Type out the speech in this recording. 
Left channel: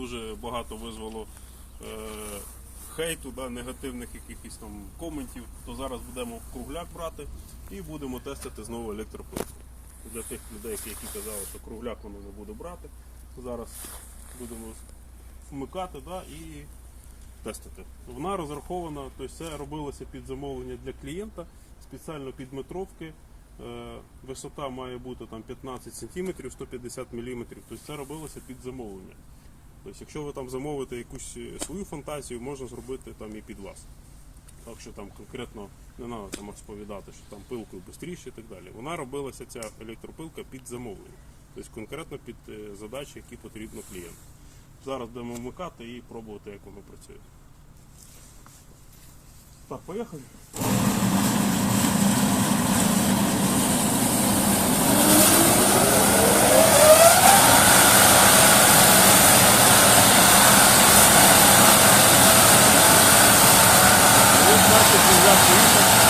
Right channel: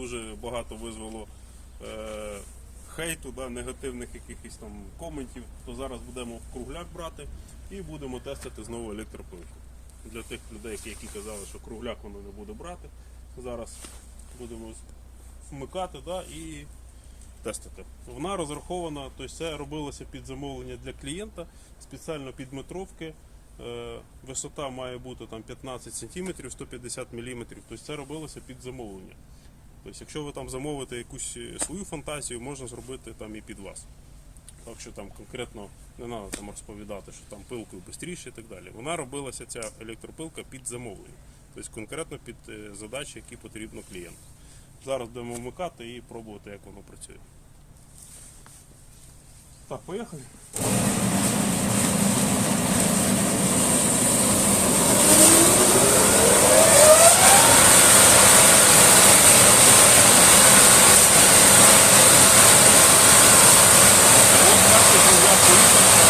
дуже багато визвало е, хейту, да, негативних якихось там коментів, то зараз будемо кругляк брати і будемо тестити знову електроплитку. Для тих людей, які казали, що кругляк воно не буде брати. Зараз будемо вмикати да, і тестити. Вона розрахована, тобто це робилося під замовлення для клієнта спеціально під метровки. Е, висота має бути там 15 см 150 мм. Тобто це робилося під замовлення. Тобто, якщо ви там замовите якусь е, свою фантазію, можна зробити там і під вас. Так що там конкретно не треба там розповідати, що там пилкою швидше і так далі. Вона робилася ця електропилка під замовлення, тобто конкретно під е, задачі, які потрібно клієнту. Зараз будемо вмикати і пробувати, як воно працює. Так, поїхали. Você já fez